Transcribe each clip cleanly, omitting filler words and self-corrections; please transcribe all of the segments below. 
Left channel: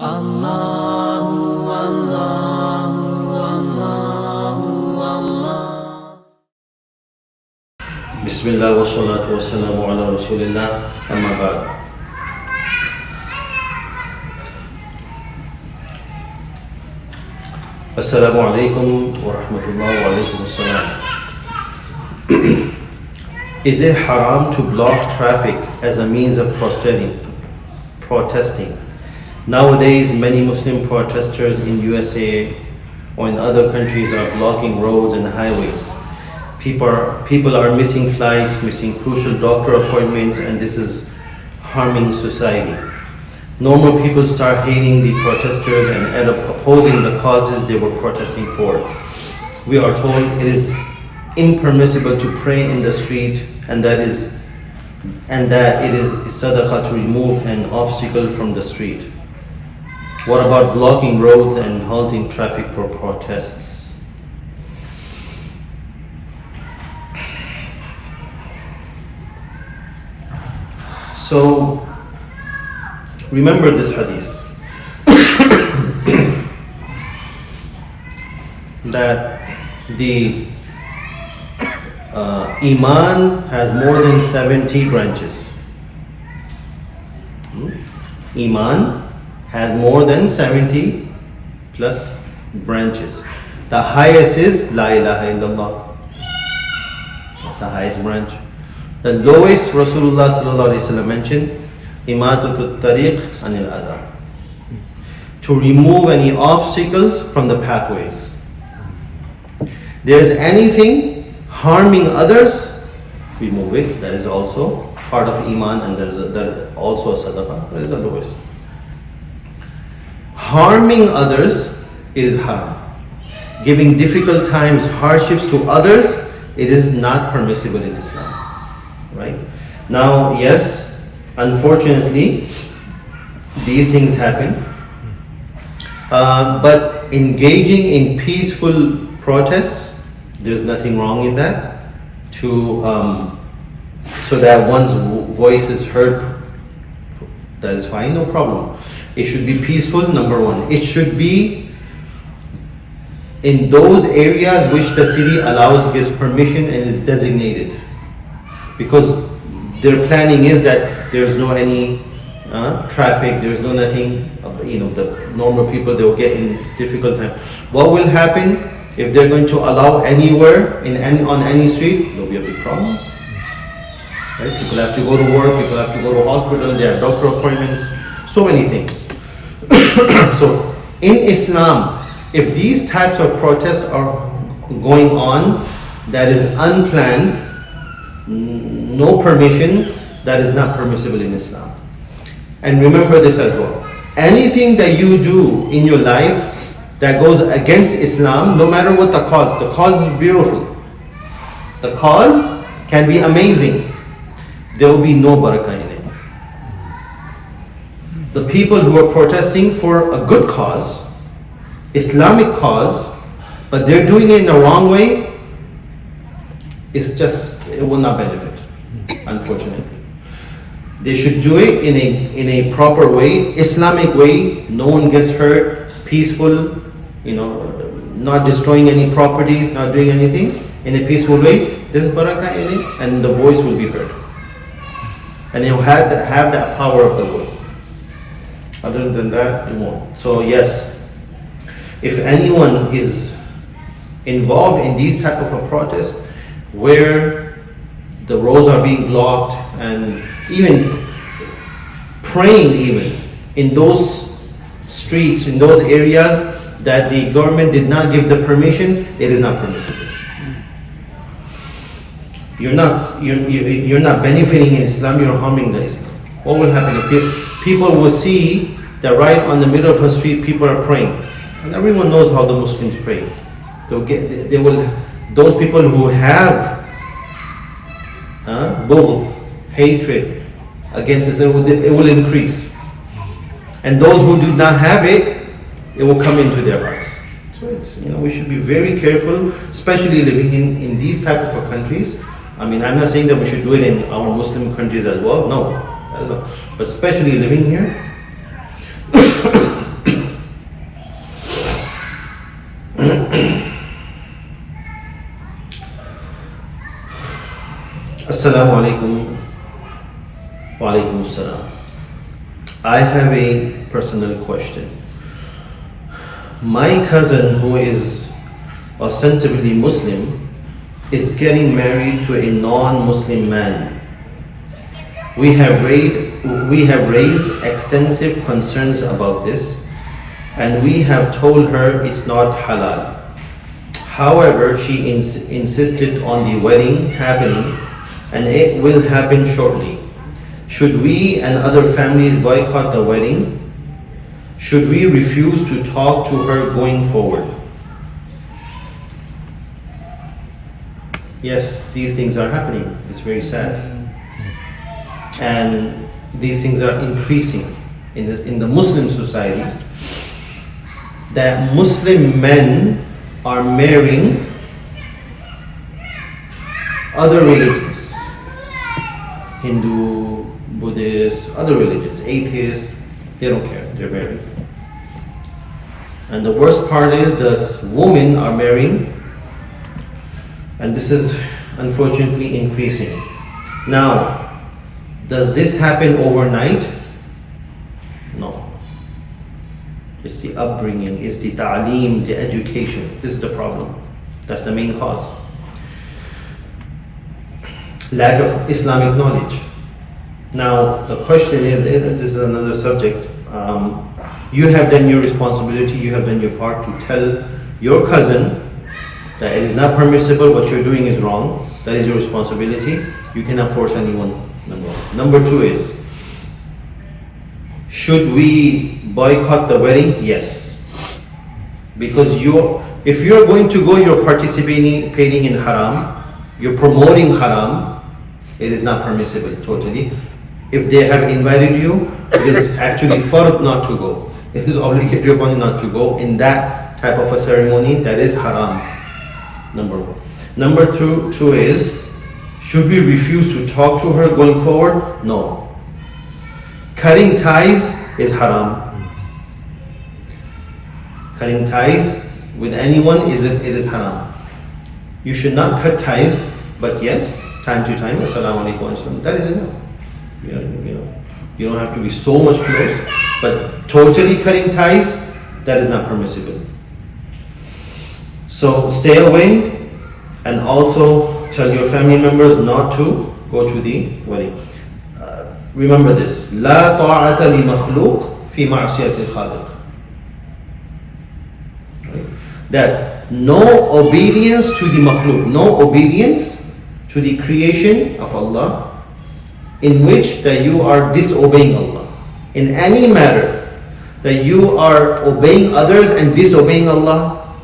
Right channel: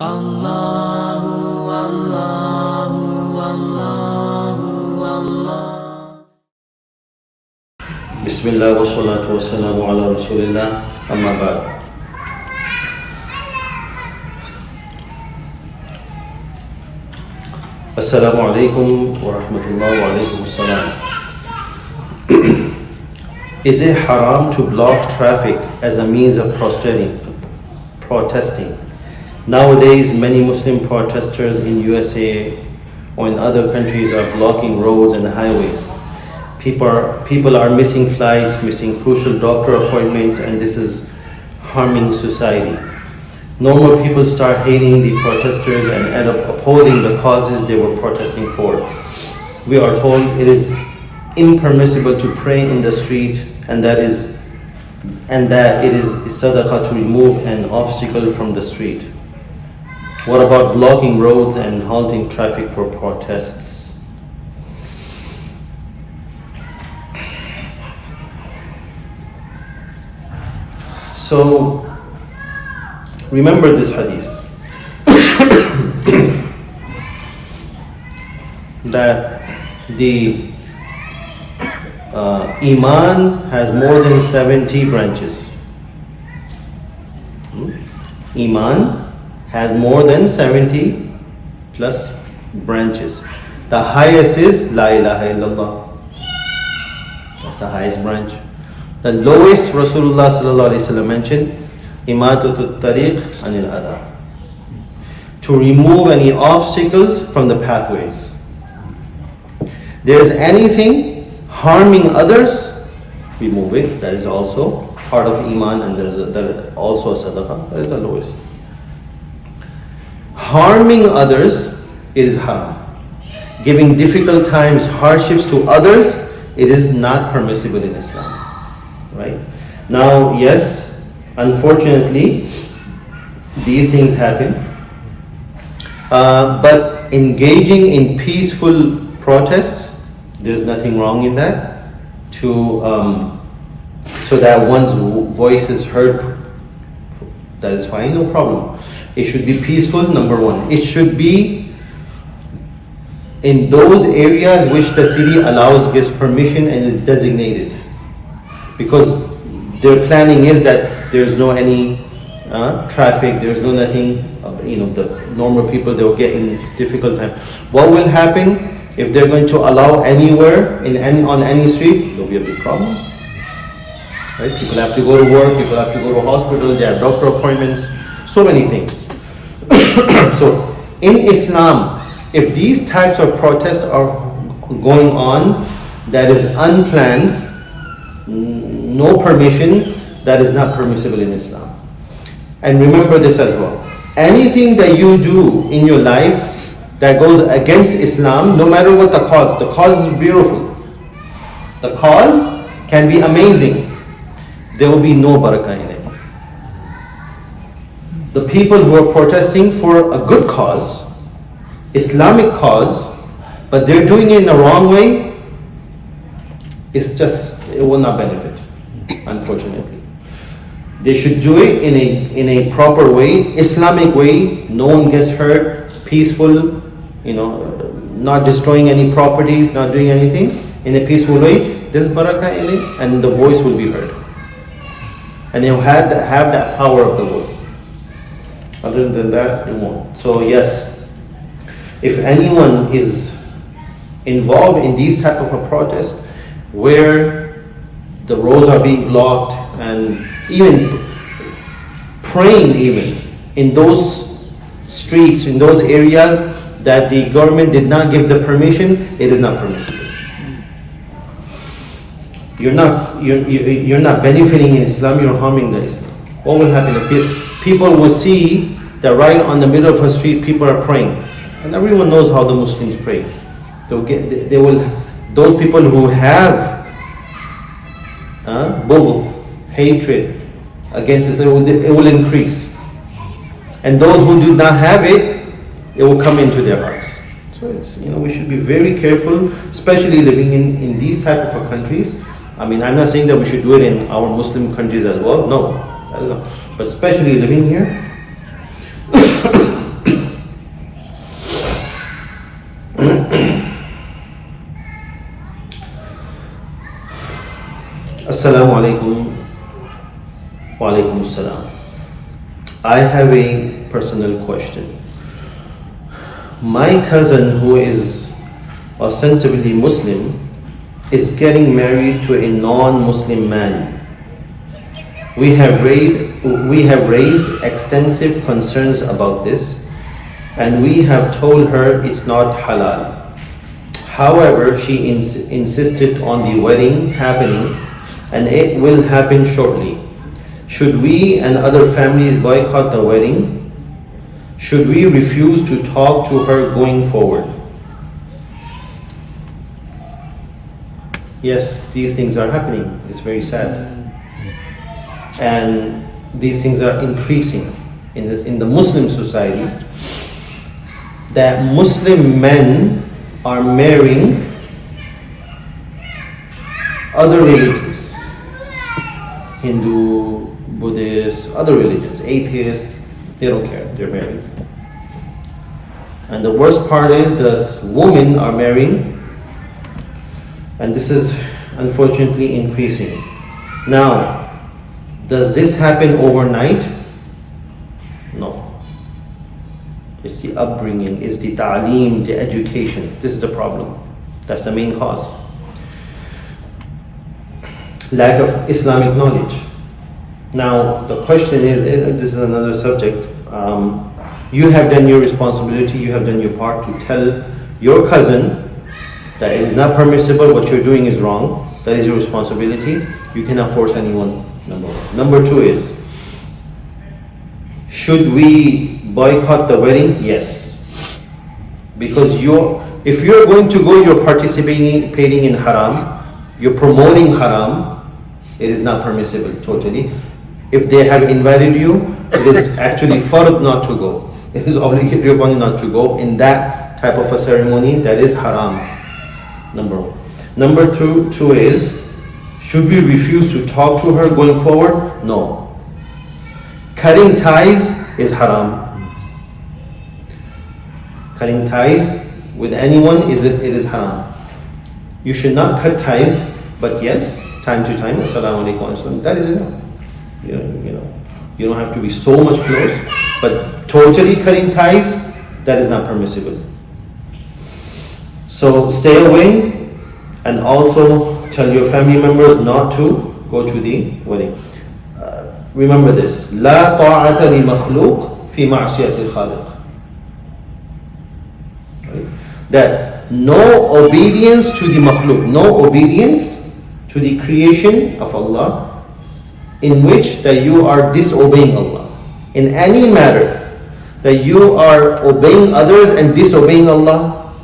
Allahu, Allahu, Allahu, Allah. Bismillah wa salatu wa salamu ala Rasulillah, amma ba'd. Assalamu alaikum wa rahmatullahi wa alaikum assalam. Is it haram to block traffic as a means of protesting? Nowadays, many Muslim protesters in USA or in other countries are blocking roads and highways. People are missing flights, missing crucial doctor appointments, and this is harming society. Normal people start hating the protesters and end up opposing the causes they were protesting for. We are told it is impermissible to pray in the street, and that it is sadaqah to remove an obstacle from the street. What about blocking roads and halting traffic for protests? So, remember this hadith that the Iman has more than 70 branches. Iman has more than 70 plus branches. The highest is La ilaha illallah. That's the highest branch. The lowest, Rasulullah sallallahu alaihi wasallam mentioned, Imatutut tariq anil adha, to remove any obstacles from the pathways. There is anything harming others, remove it. That is also part of Iman, and that is also sadaqah. That is the lowest. Harming others, it is haram. Giving difficult times, hardships to others, it is not permissible in Islam. Right? Now, yes, unfortunately, these things happen. But engaging in peaceful protests, there's nothing wrong in that. So that one's voice is heard, that is fine, no problem. It should be peaceful, number one. It should be in those areas which the city allows, gives permission, and is designated. Because their planning is that there's no any traffic, there's no nothing, the normal people, they'll get in difficult time. What will happen if they're going to allow anywhere, on any street? There'll be a big problem. Right? People have to go to work, people have to go to hospital, they have doctor appointments, so many things. So in Islam, if these types of protests are going on, that is unplanned, no permission, that is not permissible in Islam. And remember this as well. Anything that you do in your life that goes against Islam, no matter what the cause is beautiful. The cause can be amazing. There will be no barakah in it. The people who are protesting for a good cause, Islamic cause, but they're doing it in the wrong way, it will not benefit, unfortunately. They should do it in a proper way, Islamic way, no one gets hurt, peaceful, not destroying any properties, not doing anything, in a peaceful way. There's barakah in it, and the voice will be heard. And you'll have that power of the voice. Other than that, you won't. So yes, if anyone is involved in these type of a protest where the roads are being blocked, and even praying even in those streets, in those areas that the government did not give the permission, it is not permissible. You're not benefiting in Islam, you're harming the Islam. What will happen? People will see that right on the middle of a street, people are praying. And everyone knows how the Muslims pray. Those people who have both hatred against Islam, it will increase. And those who do not have it, it will come into their hearts. So we should be very careful, especially living in these type of countries. I mean, I'm not saying that we should do it in our Muslim countries as well. No, that is not. But especially living here, Assalamu alaikum. Wa alaikum assalam. I have a personal question. My cousin, who is ostensibly Muslim, is getting married to a non-Muslim man. We have raised extensive concerns about this, and we have told her it's not halal. However, she insisted on the wedding happening, and it will happen shortly. Should we and other families boycott the wedding? Should we refuse to talk to her going forward? Yes, these things are happening. It's very sad. And these things are increasing in the Muslim society, that Muslim men are marrying other religions, Hindu, Buddhist, other religions, atheists. They don't care, they're married. And the worst part is the women are marrying, and this is unfortunately increasing. Now, does this happen overnight? No. It's the upbringing, it's the ta'aleem, the education. This is the problem. That's the main cause. Lack of Islamic knowledge. Now, the question is, this is another subject. You have done your responsibility, you have done your part to tell your cousin that it is not permissible, what you're doing is wrong. That is your responsibility. You cannot force anyone, number one. Number two is, should we boycott the wedding? Yes. Because if you're going to go, you're participating in haram, you're promoting haram, it is not permissible totally. If they have invited you, it is actually fard not to go. It is obligatory upon you not to go in that type of a ceremony that is haram. Number one. Number two is, should we refuse to talk to her going forward? No. Cutting ties is haram. Cutting ties with anyone it is haram. You should not cut ties, but yes, time to time, assalamu alaikum, that is enough. You don't have to be so much close, but totally cutting ties, that is not permissible. So stay away, and also tell your family members not to go to the wedding. Remember this: لا طاعة لمخلوق في معصية الخالق. That no obedience to the makhluk, no obedience to the creation of Allah, in which that you are disobeying Allah. In any matter that you are obeying others and disobeying Allah,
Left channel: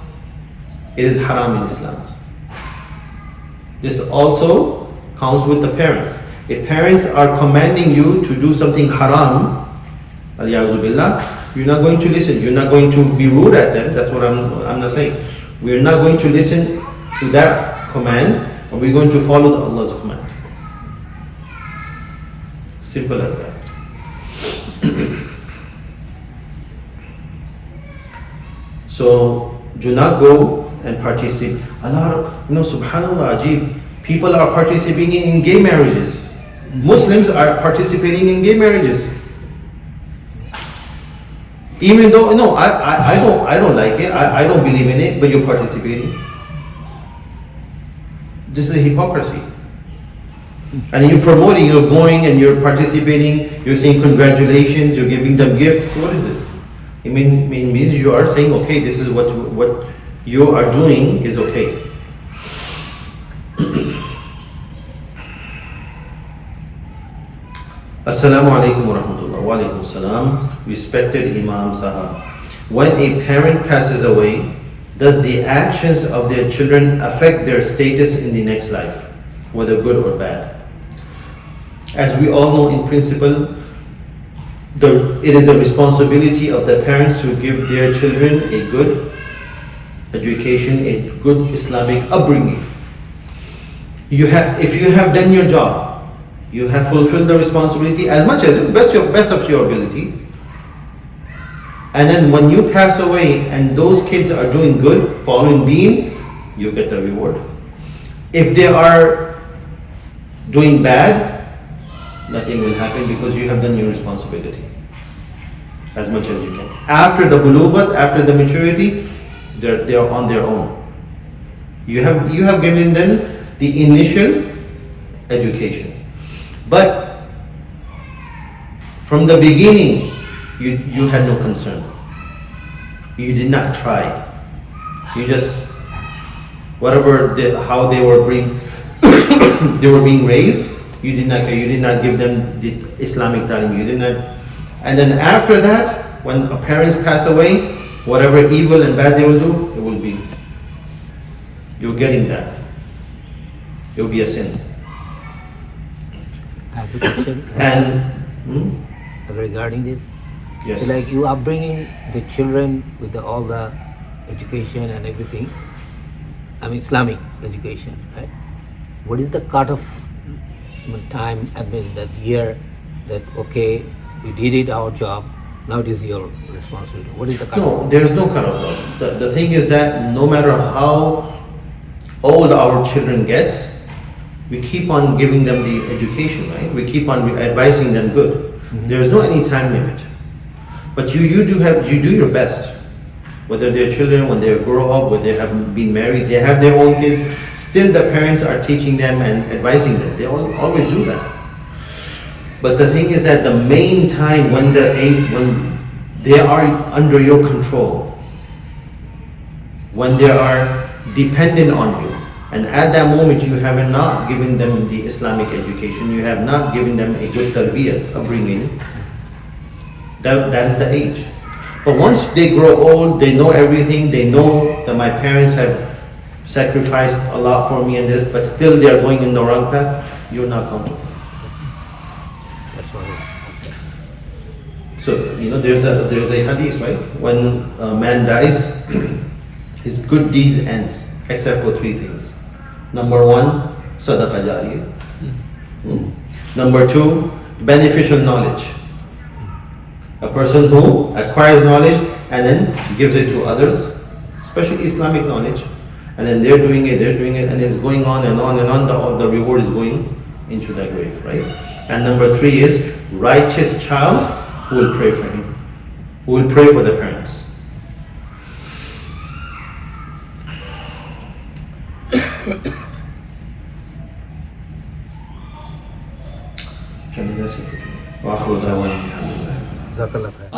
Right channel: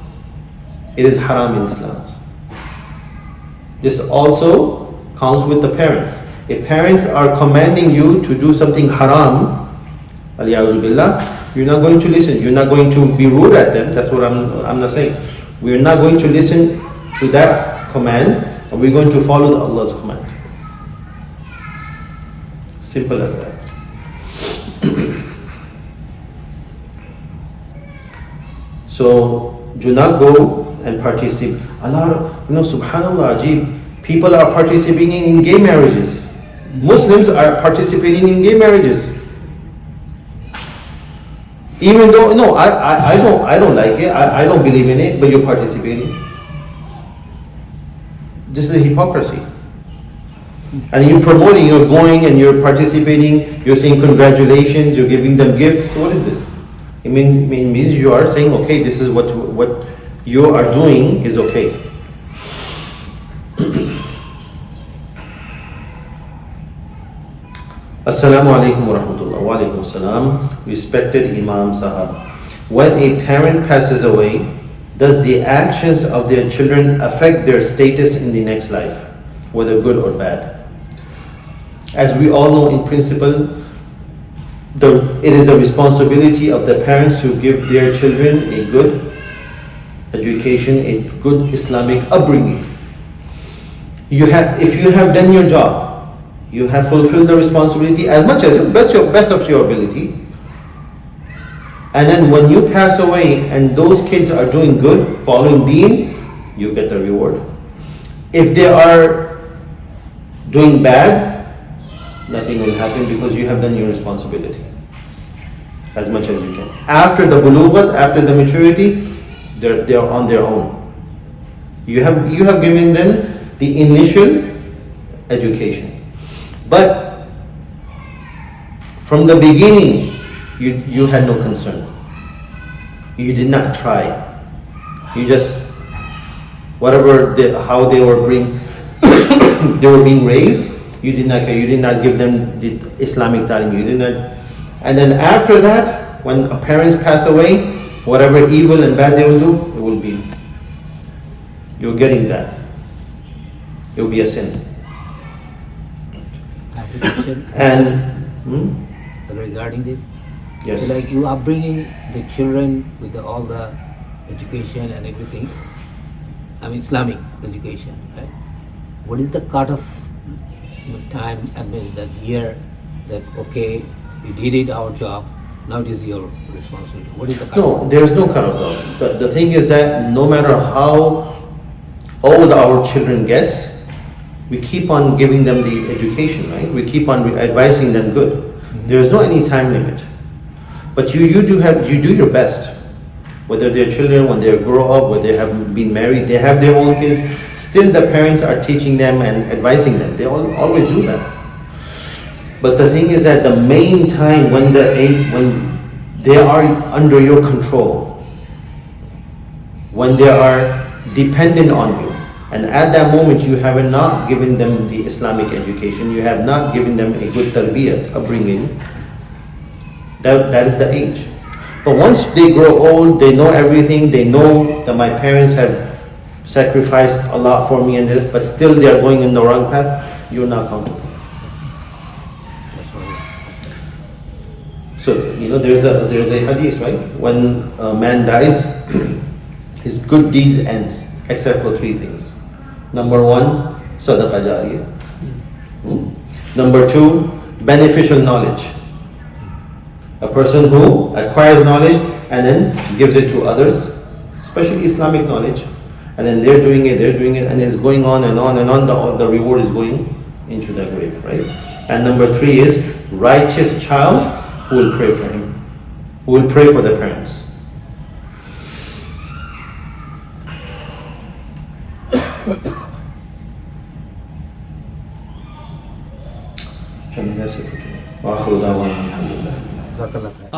it is haram in Islam. This also counts with the parents. If parents are commanding you to do something haram, aliyazu billah, you're not going to listen. You're not going to be rude at them. That's what I'm not saying. We're not going to listen to that command, and we're going to follow Allah's command. Simple as that. So do not go and participate. Subhanallah, Ajib, people are participating in gay marriages. Muslims are participating in gay marriages. Even though, no, I don't like it, I don't believe in it, but you're participating. This is a hypocrisy. And you're promoting, you're going and you're participating, you're saying congratulations, you're giving them gifts. What is this? It means you are saying, okay, this is what you are doing is okay. Assalamu alaikum wa rahmatullah. Wa alaikum assalam. Respected Imam Sahab. When a parent passes away, does the actions of their children affect their status in the next life, whether good or bad? As we all know, in principle, it is the responsibility of the parents to give their children a good education, a good Islamic upbringing. If you have done your job, you have fulfilled the responsibility as much as best of your ability. And then when you pass away and those kids are doing good, following deen, you get the reward. If they are doing bad, nothing will happen because you have done your responsibility as much as you can. After the bulughat, after the maturity, they're on their own. You have given them the initial education, but from the beginning, you had no concern. You did not try. You just whatever how they were being they were being raised. You did not care. You did not give them the Islamic talim. You did not. And then after that, when parents pass away, whatever evil and bad they will do, it will be. You're getting that. It will be a sin. And regarding this, yes, like you are bringing the children with all the education and everything. I mean Islamic education, right? What is the cut of time and maybe that year that okay, we did it our job, now it is your responsibility? What is the cut? no, there is no cut-off though. The thing is that no matter how old our children gets, we keep on giving them the education, right? We keep on advising them good. There is no any time limit. But you do your best. Whether they're children, when they grow up, whether they have been married, they have their own kids, still the parents are teaching them and advising them. They always do that. But the thing is that the main time when they are under your control, when they are dependent on you, and at that moment you have not given them the Islamic education, you have not given them a good tarbiyat, upbringing, that is the age. But once they grow old, they know everything, they know that my parents have sacrificed a lot for me, but still they are going in the wrong path, you're not comfortable. That's what So, there's a hadith, right? When a man dies, his good deeds ends, except for three things. Number one, sadaqah jariyah. Number two, beneficial knowledge. A person who acquires knowledge and then gives it to others, especially Islamic knowledge, and then they're doing it, and it's going on and on and on. The reward is going into the grave, right? And number three is righteous child who will pray for him, who will pray for the parents. Shall we that's it for today? Wa akhiru da'wana alhamdulillah. Jazakallah khair.